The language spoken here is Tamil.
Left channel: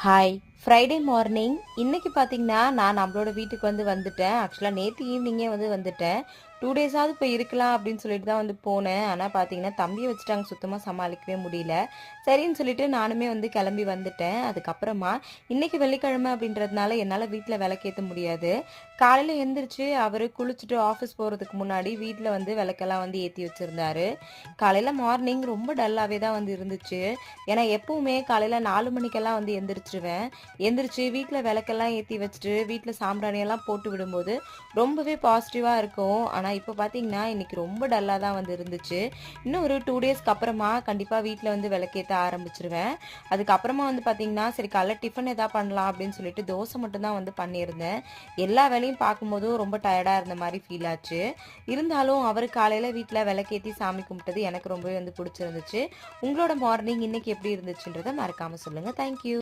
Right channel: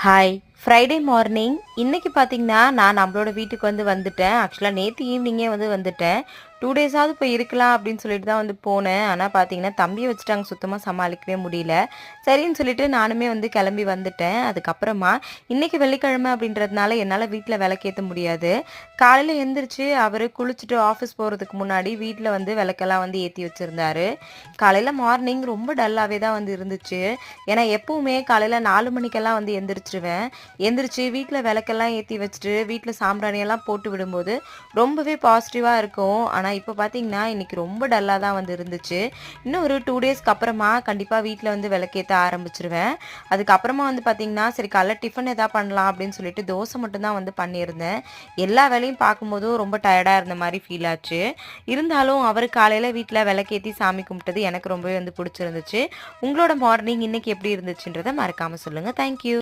ஹாய்! Friday morning. இன்னைக்கு பார்த்தீங்கன்னா, நான் நம்மளோட வீட்டுக்கு வந்துட்டேன். ஆக்சுவலா நேத்து ஈவினிங்கே வந்துட்டேன். 2 டேஸாவது போய் இருக்கலாம் அப்படின்னு சொல்லிட்டு தான் போனேன். ஆனா பார்த்தீங்கன்னா, தம்பிய வச்சுட்டு அங்க சுத்தமா சமாளிக்கவே முடியல. சரின்னு சொல்லிட்டு நானுமே கிளம்பி வந்துட்டேன். அதுக்கப்புறமா இன்னைக்கு வெள்ளிக்கிழமை அப்படின்றதுனால என்னால வீட்ல விளக்கேத்த முடியாது. காலையில எந்திரிச்சு அவரு குளிச்சுட்டு ஆஃபீஸ் போறதுக்கு முன்னாடி வீட்ல விளக்கெல்லாம் ஏத்தி வச்சிருந்தாரு. காலையில மார்னிங் ரொம்ப டல்லாவே தான் இருந்துச்சு. ஏன்னா எப்பவுமே காலையில 4 மணிக்கெல்லாம் எந்திரிச்சுருவேன். எந்திரிச்சு வீட்ல விளக்கெல்லாம் ஏத்தி வச்சுட்டு, வீட்ல சாம்பிராணியெல்லாம் போட்டு விடும்போது, ரொம்பவே பாசிட்டிவா இருக்கும். ஆனா இப்ப பார்த்தீங்கன்னா, இன்னைக்கு ரொம்ப டல்லா தான் இருந்துச்சு. இன்னும் ஒரு 2 டேஸ்க்கு அப்புறமா கண்டிப்பா வீட்ல விளக்கேத்த ஆரம்பிச்சுருவேன். அதுக்கப்புறமா பார்த்தீங்கன்னா, சரி காலைல டிஃபன் எதா பண்ணலாம் அப்படின்னு சொல்லிட்டு தோசை மட்டும் தான் பண்ணியிருந்தேன். எல்லா வேலையும் பார்க்கும்போதும் ரொம்ப டயர்டா இருந்த மாரி ஃபீல் ஆச்சு. இருந்தாலும் அவரு காலையில வீட்ல விளக்கேத்தி சாமி கும்பிட்டது எனக்கு ரொம்பவே பிடிச்சிருந்துச்சு. உங்களோட மார்னிங் இன்னைக்கு எப்படி இருந்துச்சுன்றத மறக்காம சொல்லுங்க. Thank you.